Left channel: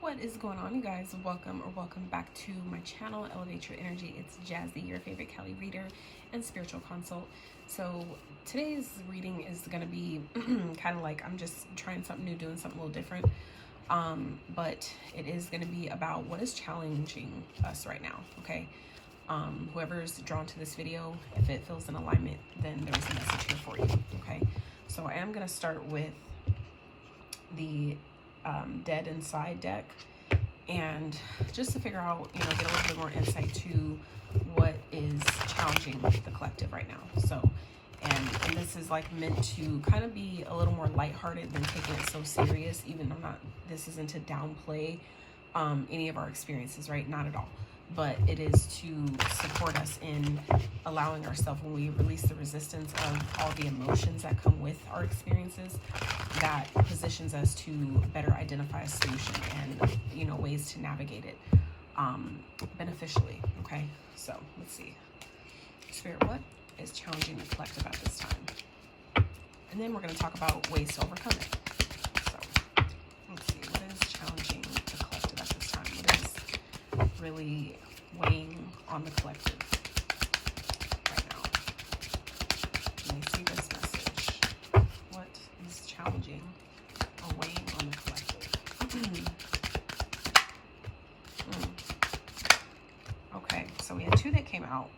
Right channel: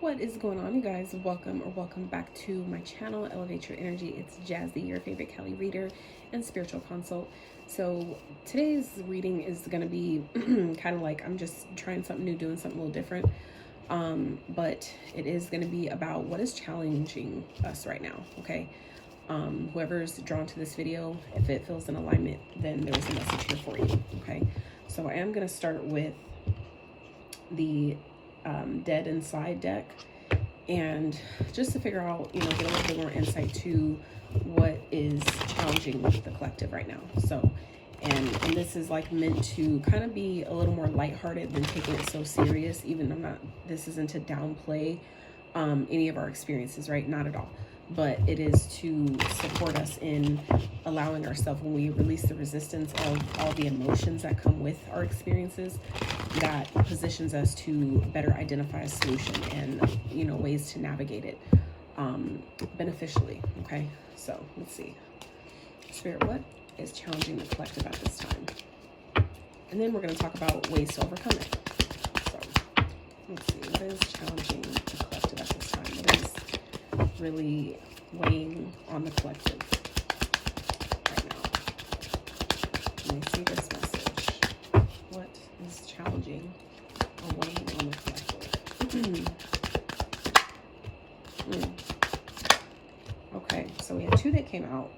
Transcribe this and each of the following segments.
What is going on, you guys? Welcome back to my channel, Elevate Your Energy. It's Jazi, your favorite Kelly reader and spiritual consult. So today's reading is going to be kind of like I'm just trying something new, doing something a little different. But it is going to be about what is challenging us right now, okay? Whoever's drawn to this video, if it feels in alignment, then there's a message here for you, okay? So I am going to start with the Dead Inside deck, and just to figure out, get a little bit more insight to what is challenging the collective right now. So, and this is like meant to kind of be a little more lighthearted than taking it so serious, even though this isn't to downplay any of our experiences, right? Not at all. But it is to support us in allowing ourselves, when we release the resistance of all the emotions that come with our experiences, that positions us to better identify a solution and, ways to navigate it beneficially, okay? So let's see. Spirit, what is challenging the collective at this time? And then we're going to talk about ways to overcome it. So let's see. What is challenging the collective at this time? What is really weighing on the collective right now? Let me see this message. What is challenging or weighing on the collective? Okay, so we had two that came out.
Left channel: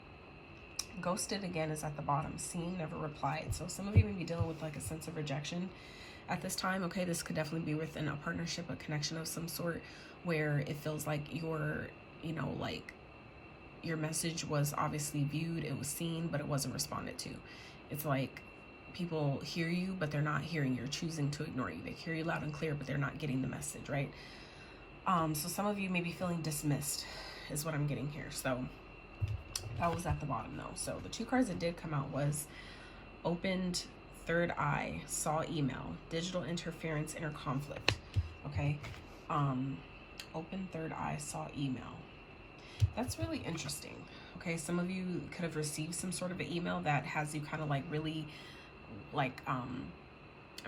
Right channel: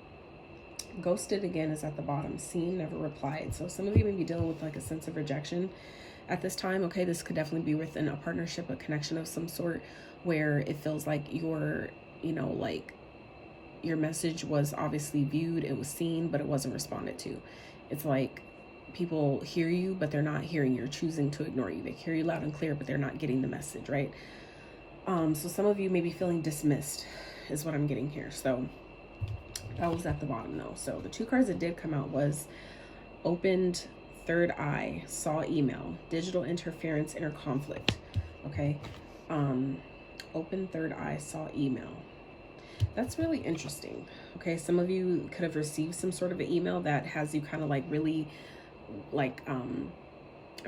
Ghosted again is at the bottom. Seen, never replied. So some of you may be dealing with like a sense of rejection at this time. Okay, this could definitely be within a partnership, a connection of some sort, where it feels like you're like your message was obviously viewed, it was seen, but it wasn't responded to. It's like people hear you, but they're not hearing you, choosing to ignore you. They hear you loud and clear, but they're not getting the message, right? So some of you may be feeling dismissed is what I'm getting here. So that was at the bottom though. So the two cards that did come out was opened third eye, saw email, digital interference, inner conflict. Okay. Open third eye, saw email. That's really interesting. Okay, some of you could have received some sort of an email that has you kind of like really like I'm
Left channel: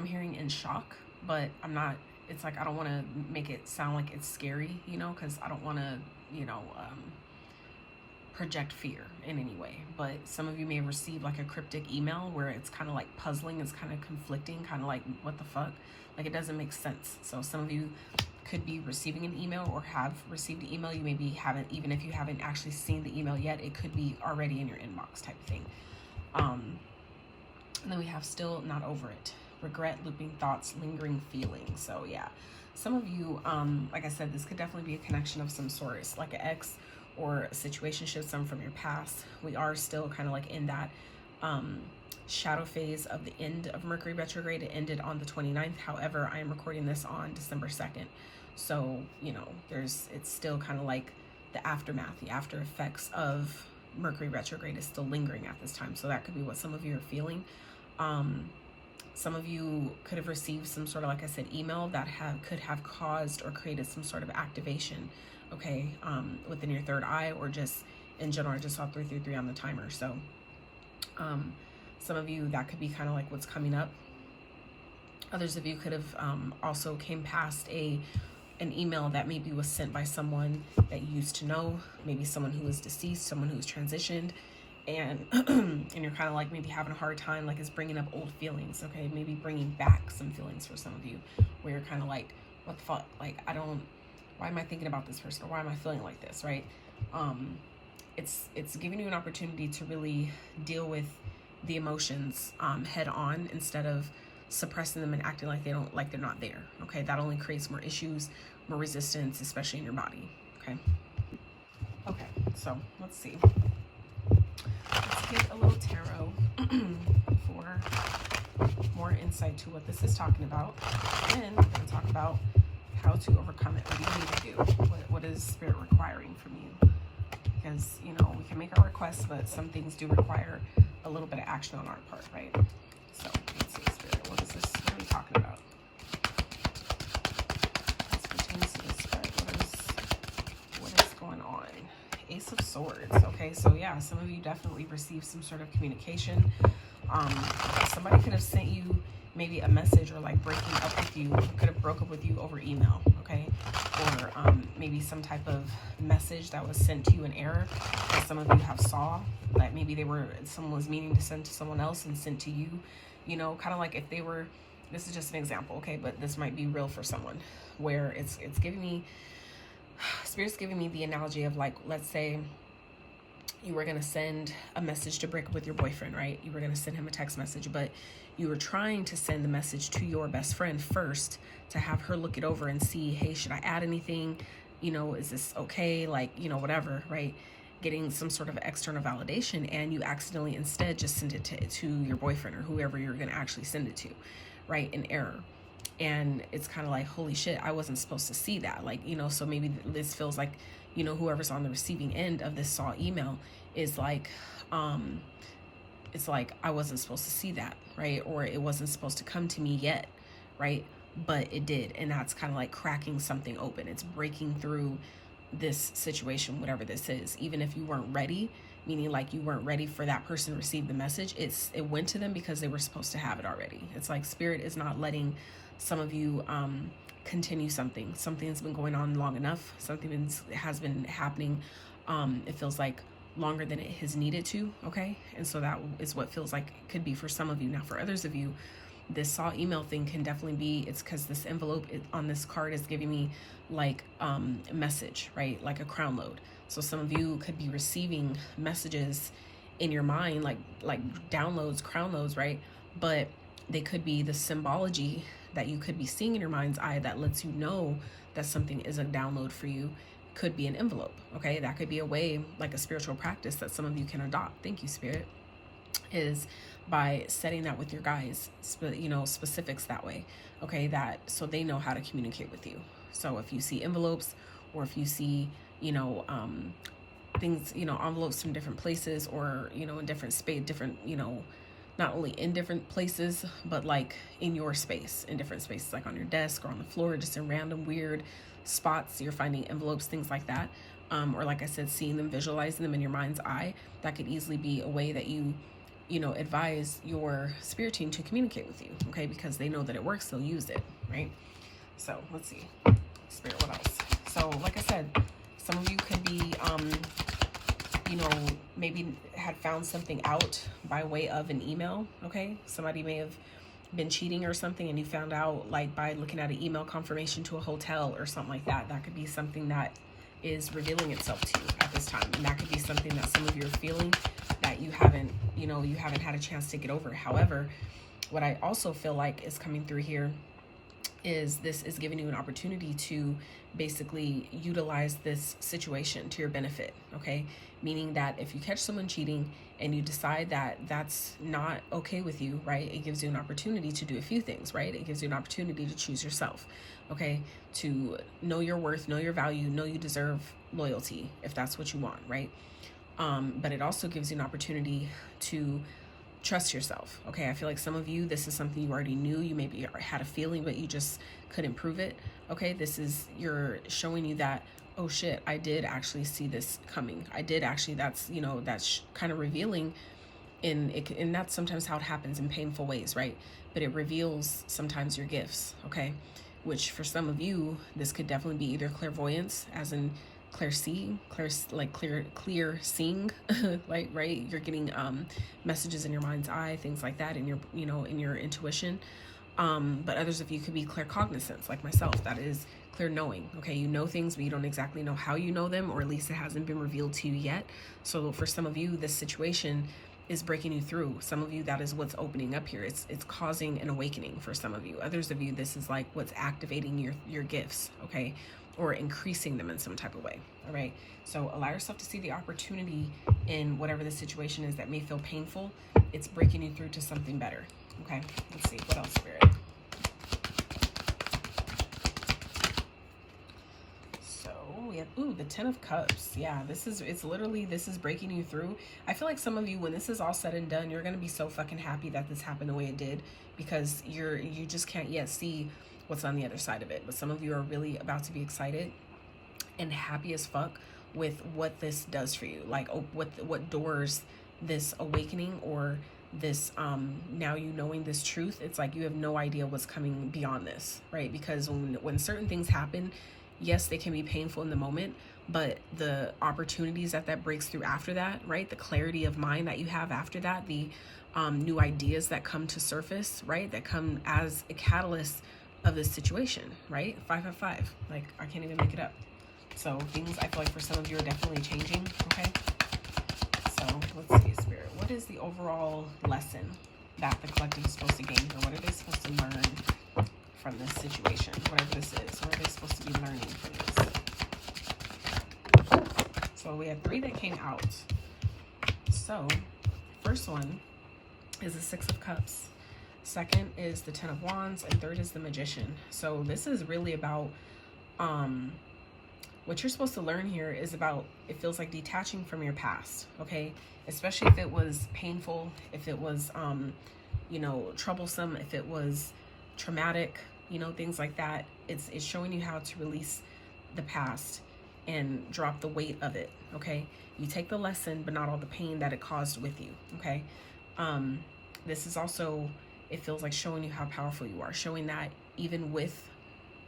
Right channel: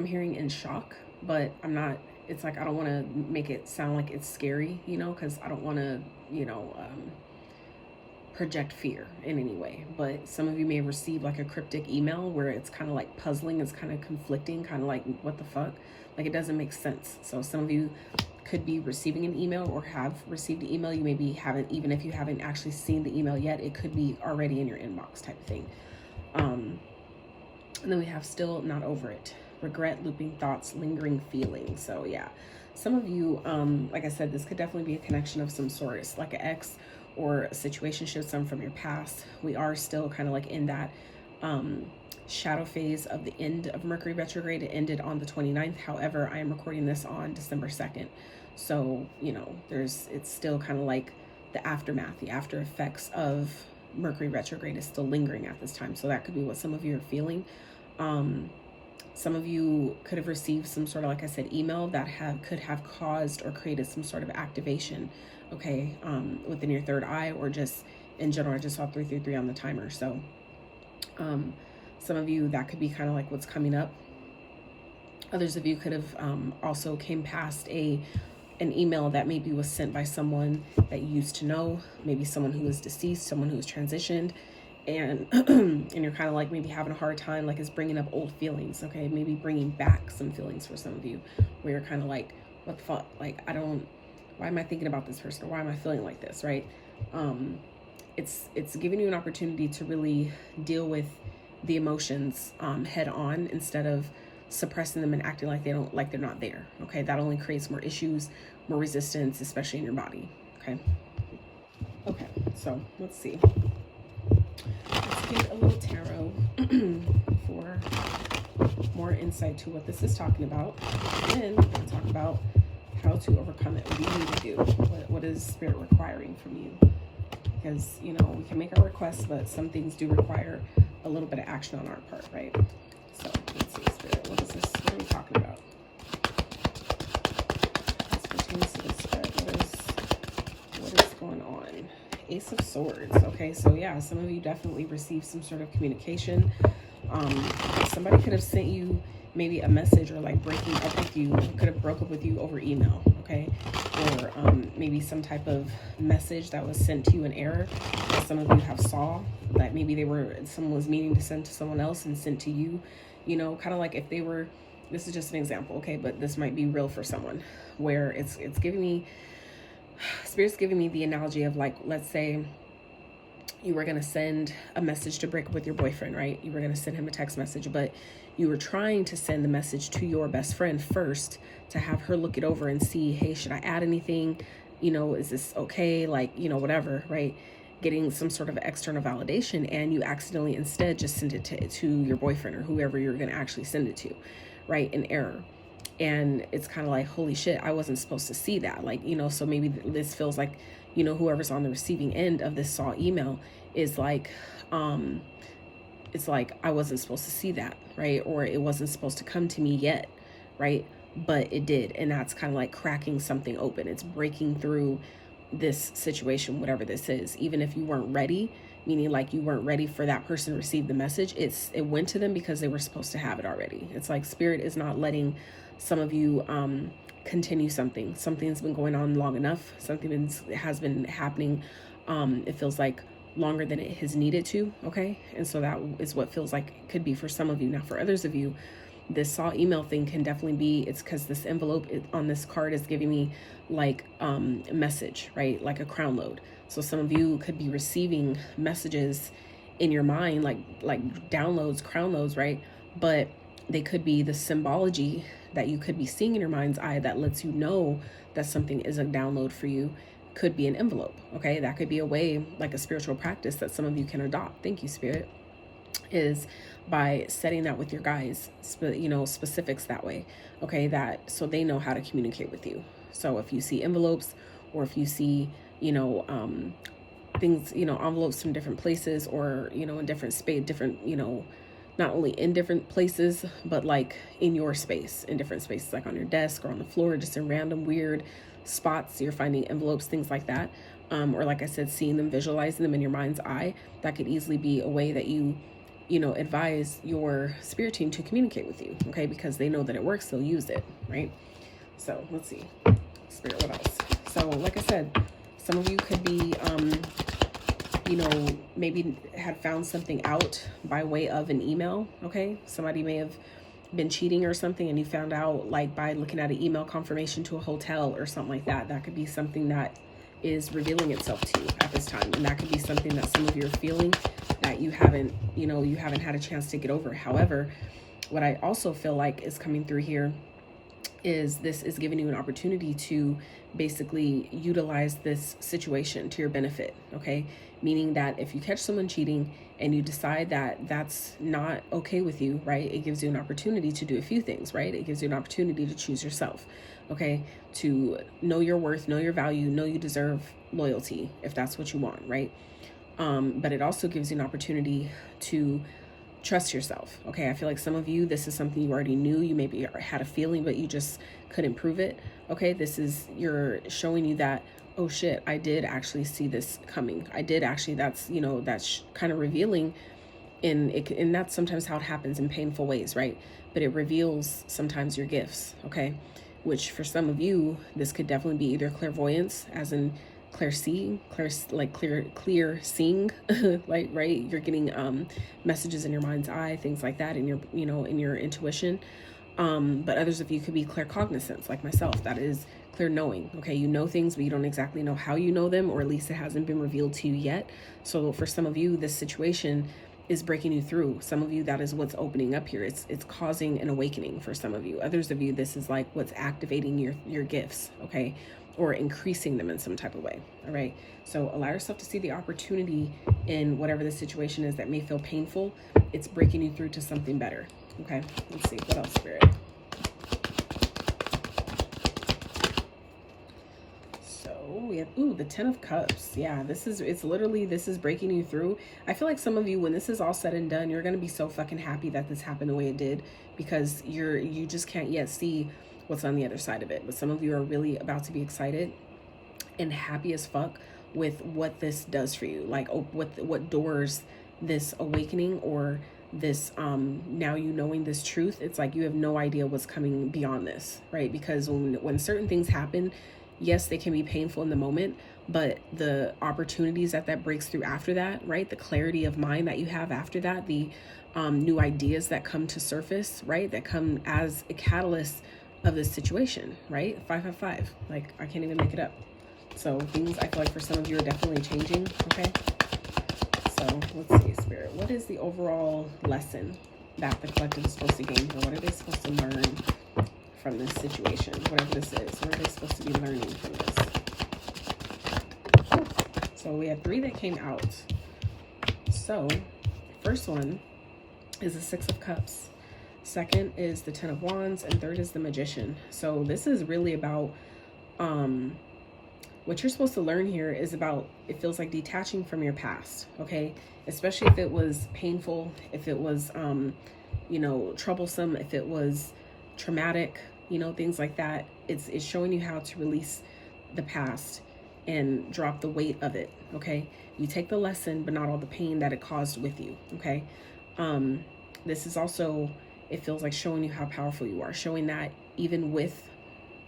hearing in shock, but I'm not. It's like I don't want to make it sound like it's scary, because I don't want to project fear in any way. But some of you may receive like a cryptic email where it's kind of like puzzling, it's kind of conflicting, kind of like what the fuck, like it doesn't make sense. So some of you could be receiving an email or have received an email. You maybe haven't, even if you haven't actually seen the email yet, it could be already in your inbox type of thing. And then we have still not over it. Regret, looping thoughts, lingering feelings. So yeah, some of you, like I said, this could definitely be a connection of some sort. It's like an ex or a situationship, some from your past. We are still kind of like in that shadow phase of the end of Mercury retrograde. It ended on the 29th. However, I am recording this on December 2nd. So, it's still kind of like the aftermath, the after effects of Mercury retrograde is still lingering at this time. So that could be what some of you are feeling. Some of you could have received some sort of, like I said, email that could have caused or created some sort of activation, okay, within your third eye, or just in general. I just saw 333 on the timer. So some of you, that could be kind of like what's coming up. Others of you could have also came past an email that maybe was sent by someone that you used to know, maybe someone who is deceased, someone who is transitioned, and and you're kind of like maybe having a hard time, like it's bringing up old feelings, okay? Maybe bringing back some feelings for some of you, where you're kind of like, what the fuck? Like, why am I thinking about this person? Or why am I feeling like this, right? It's giving you an opportunity to really deal with the emotions head on, instead of suppressing them and acting like they're not there. Okay, that only creates more issues, more resistance, especially in your body. Okay, so let's see. Let's get a little tarot for more insight to what this is talking about, and then we're going to talk about how to overcome it. What do you need to do? What is Spirit requiring from you? Because we can make our requests, but some things do require a little bit of action on our part, right? So let's see, Spirit, what is this? What are we talking about? This pertains to this spread. What is going on? Ace of Swords. Okay, so yeah, some of you definitely received some sort of communication. Somebody could have sent you maybe a message, or like breaking up with you, could have broke up with you over email, okay? Or maybe some type of message that was sent to you in error that some of you have saw, that maybe someone was meaning to send to someone else and sent to you, you know, kind of like if they were, this is just an example, okay, but this might be real for someone, where it's giving me, Spirit's giving me the analogy of, like, let's say you were going to send a message to break up with your boyfriend, right? You were going to send him a text message, but you were trying to send the message to your best friend first to have her look it over and see, hey, should I add anything? You know, is this okay? Like, you know, whatever, right? Getting some sort of external validation, and you accidentally instead just send it to your boyfriend or whoever you're going to actually send it to, right? In error. And it's kind of like, holy shit, I wasn't supposed to see that. Like, you know, so maybe this feels like, you know, whoever's on the receiving end of this saw email is like, it's like, I wasn't supposed to see that, right? Or it wasn't supposed to come to me yet, right? But it did. And that's kind of like cracking something open. It's breaking through this situation, whatever this is. Even if you weren't ready, meaning like you weren't ready for that person to receive the message, it went to them because they were supposed to have it already. It's like Spirit is not letting some of you continue something. Something's been going on long enough. Something has been happening. It feels like longer than it has needed to, okay? And so that is what feels like it could be for some of you. Now, for others of you, this saw email thing can definitely be, it's because this envelope on this card is giving me like a message, right? Like a crown load. So some of you could be receiving messages in your mind, like downloads, crown loads, right? But they could be the symbology that you could be seeing in your mind's eye that lets you know that something is a download for you. Could be an envelope, okay? That could be a way, like a spiritual practice that some of you can adopt. Thank you, Spirit. Is by setting that with your guys, you know, specifics that way, okay? That so they know how to communicate with you. So if you see envelopes, or if you see, you know, things, you know, envelopes from different places, or, you know, in different space, different, you know, not only in different places, but like in your space, in different spaces, like on your desk or on the floor, just in random weird spots, you're finding envelopes, things like that. Or like I said, seeing them, visualizing them in your mind's eye, that could easily be a way that you know, advise your spirit team to communicate with you, okay? Because they know that it works, they'll use it, right? So let's see, Spirit, what else? So like I said, some of you could be, you know, maybe had found something out by way of an email, okay? Somebody may have been cheating or something, and you found out like by looking at an email confirmation to a hotel or something like that. That could be something that is revealing itself to you at this time. And that could be something that some of you are feeling that you haven't, you know, you haven't had a chance to get over. However, what I also feel like is coming through here is this is giving you an opportunity to basically utilize this situation to your benefit, okay? Meaning that if you catch someone cheating and you decide that that's not okay with you, right? It gives you an opportunity to do a few things, right? It gives you an opportunity to choose yourself, okay? To know your worth, know your value, know you deserve loyalty if that's what you want, right? But it also gives you an opportunity to trust yourself, okay? I feel like some of you, this is something you already knew. You maybe had a feeling, but you just couldn't prove it, okay? This is, you're showing you that, oh shit, I did actually see this coming. I did actually, that's, you know, that's kind of revealing and that's sometimes how it happens in painful ways, right? But it reveals sometimes your gifts, okay? Which for some of you, this could definitely be either clairvoyance, as in clear seeing, clear seeing, like, right? You're getting messages in your mind's eye, things like that, in your, you know, in your intuition. But others of you could be claircognizance, like myself. That is clear knowing, okay? You know things, but you don't exactly know how you know them, or at least it hasn't been revealed to you yet. So for some of you, this situation is breaking you through. Some of you, that is what's opening up here. It's causing an awakening for some of you. Others of you, this is like what's activating your gifts, okay? Or increasing them in some type of way, all right? So allow yourself to see the opportunity in whatever the situation is that may feel painful. It's breaking you through to something better, okay? Let's see, what else, Spirit? We have, ooh, the 10 of Cups. Yeah, this is breaking you through. I feel like some of you, when this is all said and done, you're going to be so fucking happy that this happened the way it did, because you just can't yet see what's on the other side of it. But some of you are really about to be excited and happy as fuck with what this does for you. Like, oh, what doors this awakening, or this now you knowing this truth, it's like you have no idea what's coming beyond this, right? Because when certain things happen yes, they can be painful in the moment, but the opportunities that breaks through after that, right? The clarity of mind that you have after that, the new ideas that come to surface, right? That come as a catalyst of this situation, right? 555, like I can't even make it up. So things, I feel like for some of you are definitely changing, okay? So let's see, Spirit, what is the overall lesson that the collective is supposed to gain, or what are they supposed to learn from this situation, whatever this is? What are they supposed to be learning from this? So we had 3 that came out. So first one is the 6 of Cups. Second is the 10 of Wands, and third is the Magician. So this is really about what you're supposed to learn here is about, it feels like detaching from your past, okay? Especially if it was painful, if it was, you know, troublesome, if it was traumatic, you know, things like that. It's showing you how to release the past and drop the weight of it, okay? You take the lesson, but not all the pain that it caused with you, okay? This is also, it feels like showing you how powerful you are, showing that even with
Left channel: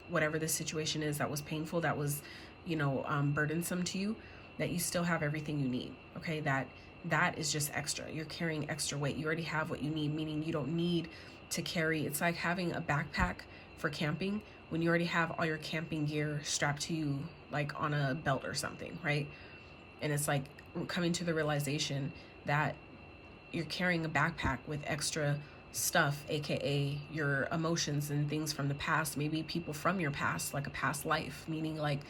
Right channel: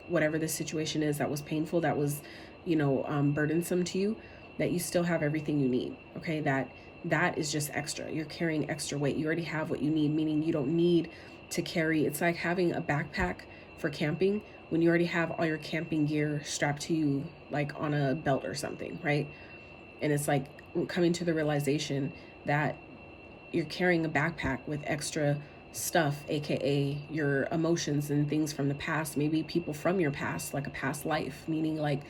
whatever the situation is that was painful, that was, you know, burdensome to you, that you still have everything you need, okay? That is just extra. You're carrying extra weight. You already have what you need, meaning you don't need to carry. It's like having a backpack for camping when you already have all your camping gear strapped to you, like on a belt or something, right? And it's like coming to the realization that you're carrying a backpack with extra stuff, aka your emotions and things from the past, maybe people from your past, like a past life, meaning like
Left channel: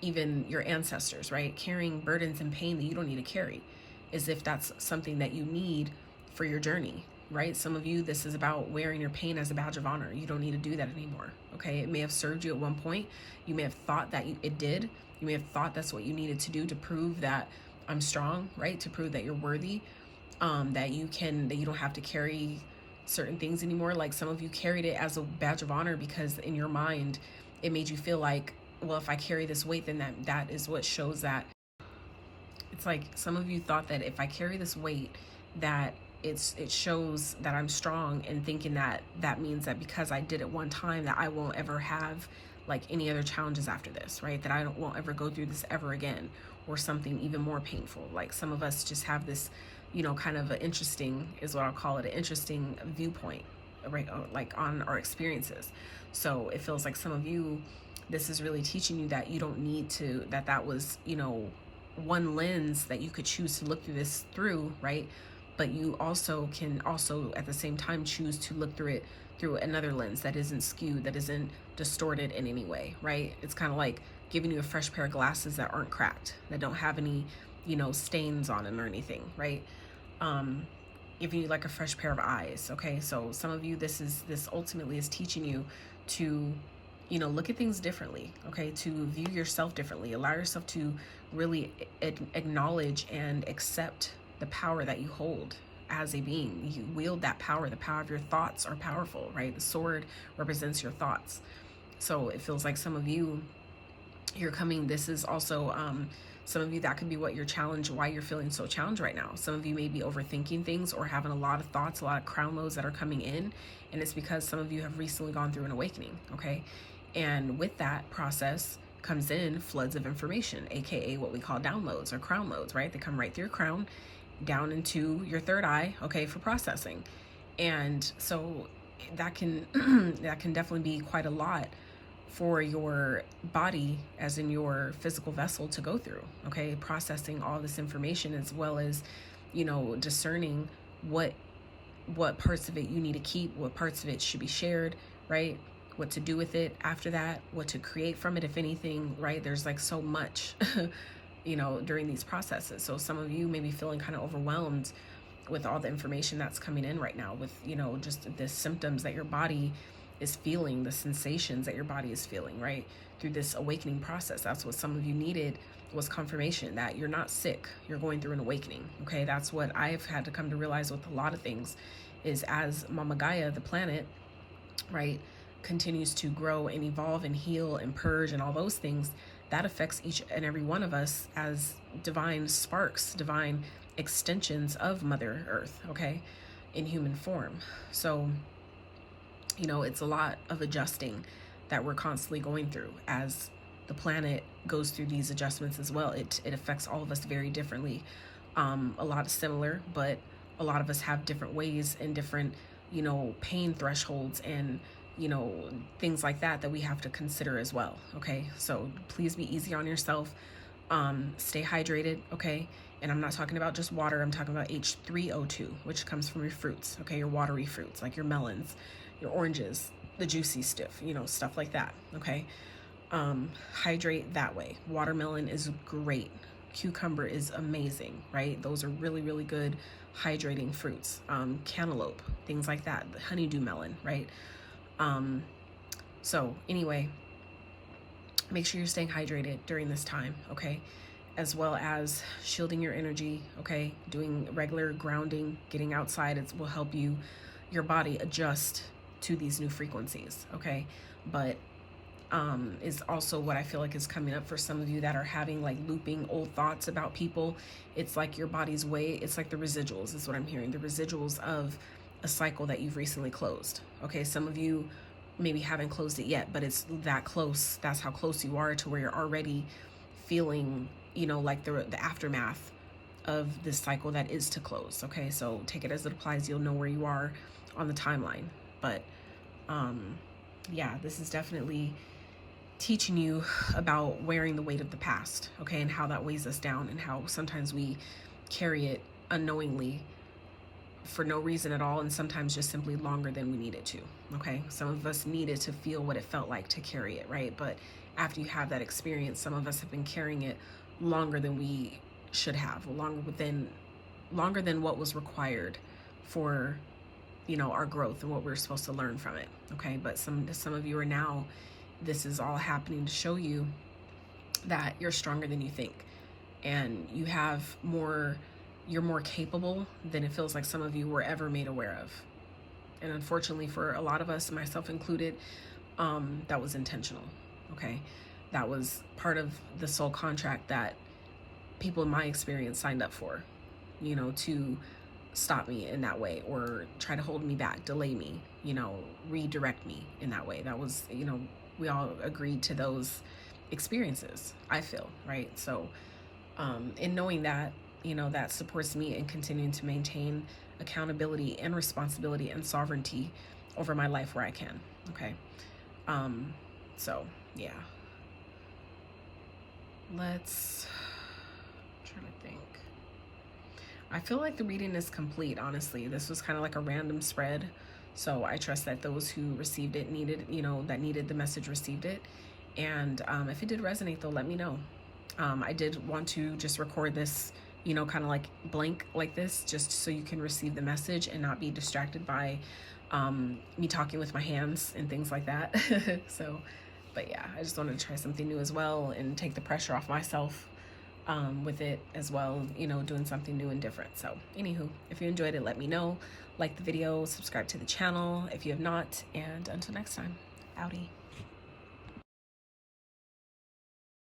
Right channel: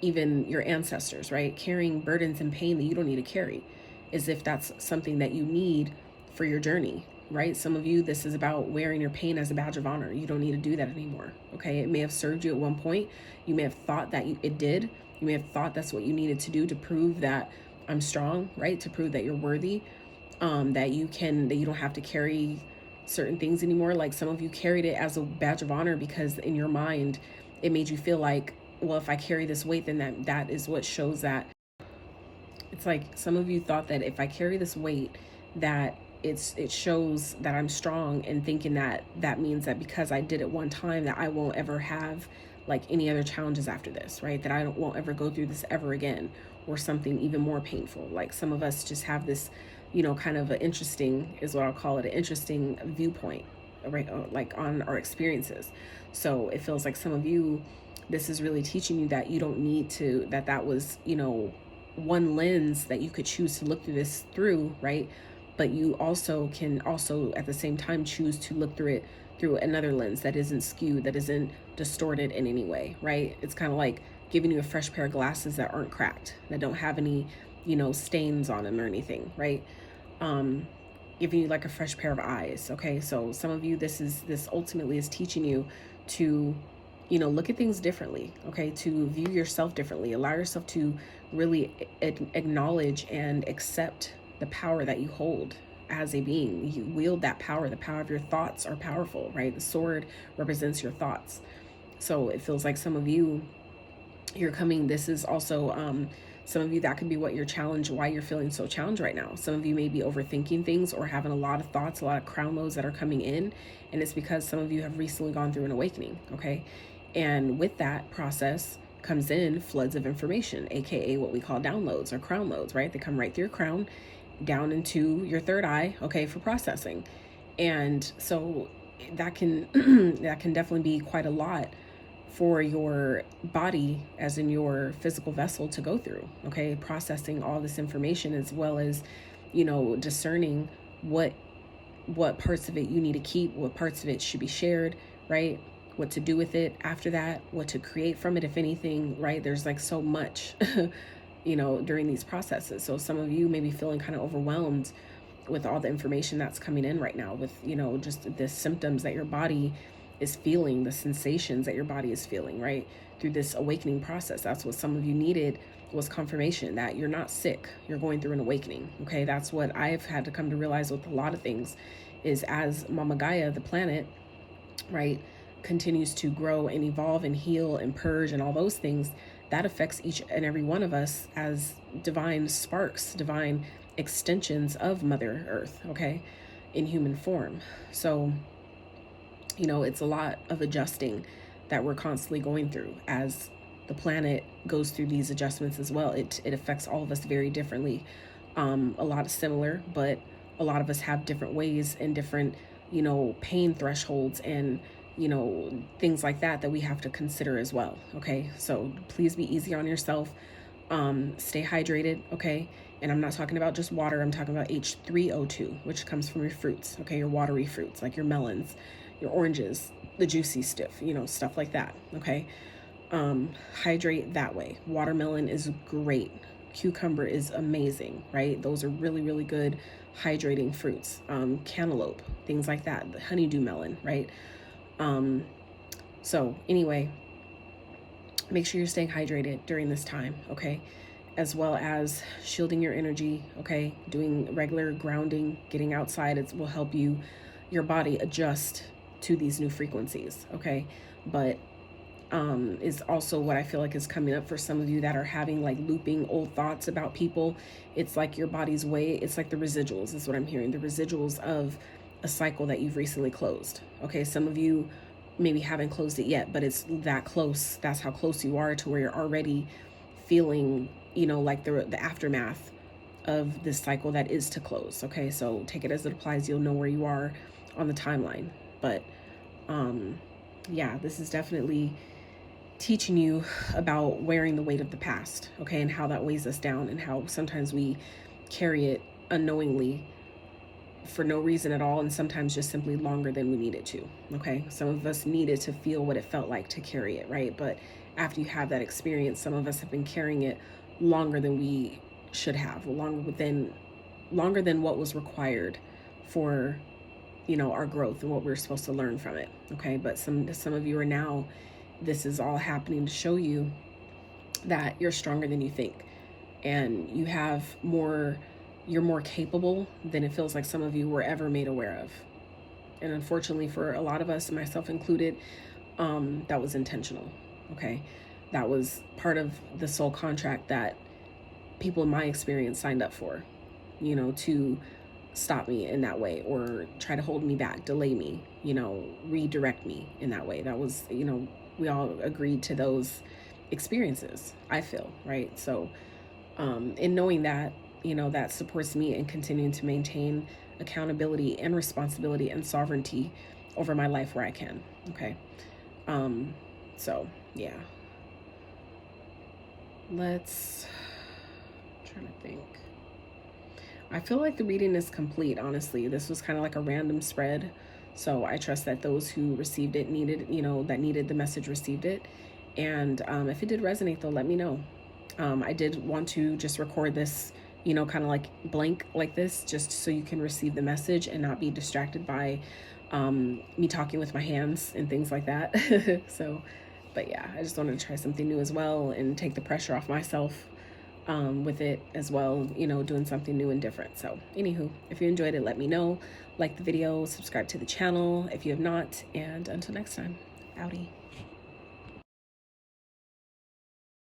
even your ancestors, right? Carrying burdens and pain that you don't need to carry, as if that's something that you need for your journey, right? Some of you, this is about wearing your pain as a badge of honor. You don't need to do that anymore, okay? It may have served you at one point. You may have thought that it did. You may have thought that's what you needed to do to prove that I'm strong, right? To prove that you're worthy, that you don't have to carry certain things anymore. Like some of you carried it as a badge of honor because in your mind, it made you feel like, well, if I carry this weight, then that is what shows that. It's like some of you thought that if I carry this weight, that it shows that I'm strong, and thinking that means that because I did it one time, that I won't ever have like any other challenges after this, right? That I won't ever go through this ever again, or something even more painful. Like some of us just have this, you know, kind of an interesting, is what I'll call it, an interesting viewpoint, right? Like on our experiences. So it feels like some of you, this is really teaching you that you don't need to, that was, you know, one lens that you could choose to look through this through, right? But you also can at the same time choose to look through it through another lens that isn't skewed, that isn't distorted in any way, right? It's kind of like giving you a fresh pair of glasses that aren't cracked, that don't have any, you know, stains on them or anything, right? Giving you like a fresh pair of eyes, okay? So some of you, this ultimately is teaching you to, you know, look at things differently, okay? To view yourself differently, allow yourself to really acknowledge and accept the power that you hold as a being. You wield that power. The power of your thoughts are powerful, right? The sword represents your thoughts. So it feels like some of you, you're coming, this is also, some of you, that could be what your challenge, why you're feeling so challenged right now. Some of you may be overthinking things or having a lot of thoughts, a lot of crown loads that are coming in. And it's because some of you have recently gone through an awakening, okay? And with that process comes in floods of information, aka what we call downloads or crown loads, right? They come right through your crown down into your third eye, okay, for processing. And so that can that can definitely be quite a lot for your body, as in your physical vessel, to go through, okay? Processing all this information, as well as, you know, discerning what parts of it you need to keep, what parts of it should be shared, right? What to do with it after that, what to create from it, if anything, right? There's like so much, you know, during these processes. So some of you may be feeling kind of overwhelmed with all the information that's coming in right now, with, you know, just the symptoms that your body is feeling, the sensations that your body is feeling, right? Through this awakening process. That's what some of you needed, was confirmation that you're not sick, you're going through an awakening, okay? That's what I've had to come to realize with a lot of things, is as Mama Gaia, the planet, right, continues to grow and evolve and heal and purge and all those things, that affects each and every one of us as divine sparks, divine extensions of Mother Earth, okay, in human form. So, you know, it's a lot of adjusting that we're constantly going through as the planet goes through these adjustments as well. It affects all of us very differently. A lot of similar, but a lot of us have different ways and different, you know, pain thresholds and, you know, things like that that we have to consider as well. Okay, so please be easy on yourself. Stay hydrated. Okay, and I'm not talking about just water. I'm talking about H3O2, which comes from your fruits. Okay, your watery fruits like your melons, your oranges, the juicy stuff, you know, stuff like that. Okay, hydrate that way. Watermelon is great. Cucumber is amazing, right? Those are really, really good hydrating fruits. Cantaloupe, things like that. The honeydew melon, right? So anyway, make sure you're staying hydrated during this time, okay? As well as shielding your energy, okay? Doing regular grounding, getting outside, it will help your body adjust to these new frequencies, okay? But is also what I feel like is coming up for some of you that are having like looping old thoughts about people. It's like your body's way, it's like the residuals is what I'm hearing, the residuals of a cycle that you've recently closed. Okay, some of you maybe haven't closed it yet, but it's that close. That's how close you are to where you're already feeling, you know, like the aftermath of this cycle that is to close. Okay, so take it as it applies. You'll know where you are on the timeline. But yeah, this is definitely teaching you about wearing the weight of the past, okay, and how that weighs us down and how sometimes we carry it unknowingly for no reason at all, and sometimes just simply longer than we need it to, okay? Some of us needed to feel what it felt like to carry it, right? But after you have that experience, some of us have been carrying it longer than we should have, longer than what was required for, you know, our growth and what we're supposed to learn from it, okay? But some of you are now, this is all happening to show you that you're stronger than you think, and you're more capable than it feels like some of you were ever made aware of. And unfortunately for a lot of us, myself included, that was intentional, okay? That was part of the soul contract that people in my experience signed up for, you know, to stop me in that way or try to hold me back, delay me, you know, redirect me in that way. That was, you know, we all agreed to those experiences, I feel, right? So in knowing that, you know, that supports me in continuing to maintain accountability and responsibility and sovereignty over my life where I can, okay? So yeah, I'm trying to think. I feel like the reading is complete, honestly. This was kind of like a random spread. So I trust that those who received it that needed the message received it. And if it did resonate, though, let me know. I did want to just record this, you know, kind of like blank like this, just so you can receive the message and not be distracted by me talking with my hands and things like that. So, but yeah, I just wanted to try something new as well and take the pressure off myself with it as well, you know, doing something new and different. So anywho, if you enjoyed it, let me know. Like the video, subscribe to the channel if you have not, and until next time, outie.